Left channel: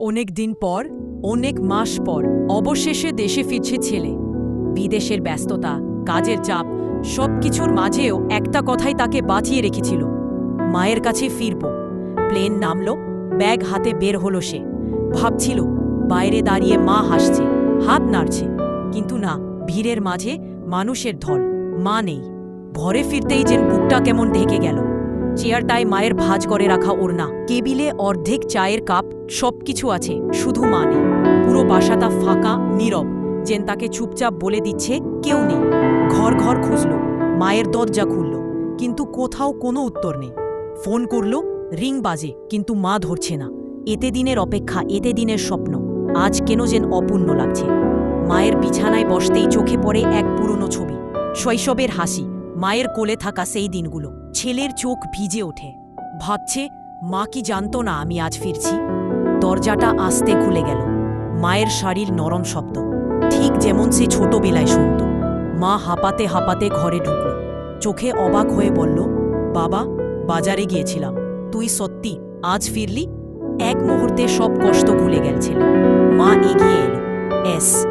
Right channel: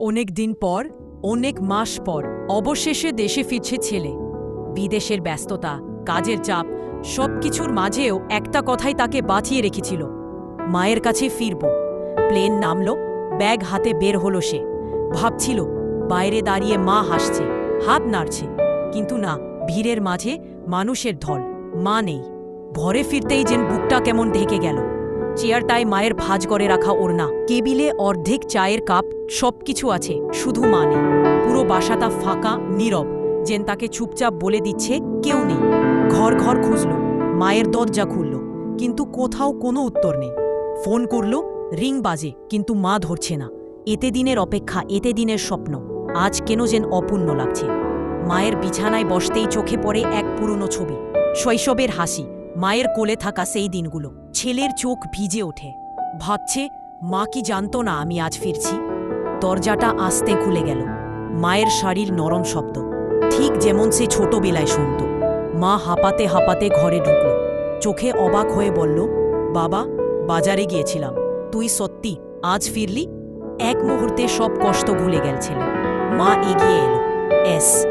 অনেক দিন পর, অনেক মাস পর, অবশেষে দেশে ফিরছে ছেলে। বিদেশের ব্যস্ততা, কাজের চাপ, সবকিছুর মাঝেও একটা কথাই তাকে বাঁচিয়ে রেখেছিল। মায়ের কাছে ফিরব। প্লেন নামল, ব্যাগ হাতে বের হলো সে। ভাবছিল, বাইরে দাঁড়িয়ে মা হাসছে, হাত নাড়ছে। কিন্তু না, ভিড়ের মাঝে মানুষের ঢল, মা নেই। ভরে ফিরতেই যেন বুকটা কেমন ঢেকে গেল। চেয়ারটায় মায়ের ভাজ করে রাখা ওড়না। কেবিলে অর্ধেক চায়ের কাপ, সবকিছু আছে, শুধু মা নেই। পুরো বাসাটা ফাঁকা, নীরব। যেন তাকে চুপচাপ বলে দিচ্ছে, কেউ নেই। ঘর ঘর খুঁজল, মায়ের দরজা খুলল, কিন্তু কোথাও কোনো উত্তর নেই। ফোন করল, রিং বাজে, কিন্তু মা ধরছে না। এতে দিনের অপেক্ষা, এতে দিনের স্বপ্ন। আজ কেন যেন অপূর্ণ লাগছে। মায়ের বিছানায় বসতেই চোখে পড়ে এক পুরনো ছবি। শৈশবের হাসি, মায়ের কোলে থাকা সেই দিনগুলো। ছেলের চোখ ভিজে ওঠে। ভাবছে, মা কি জানতো না আমি আজ ফিরছি? দরজাটা আস্তে খুলে গেল। মায়ের শাড়ির নরম শব্দ। ঠিক যেমন সে ছোটবেলায় শুনত। মা হাঁপাতে হাঁপাতে ঘরে ঢুকল। চোখে অবাক হয়ে বলল, বাবা, বাজারে গিয়েছিলাম। তুই সত্যি আজ ফিরলি? এক মুহূর্তে সব কষ্ট ভুলে গেল ছেলে। মা এগিয়ে এলো। এস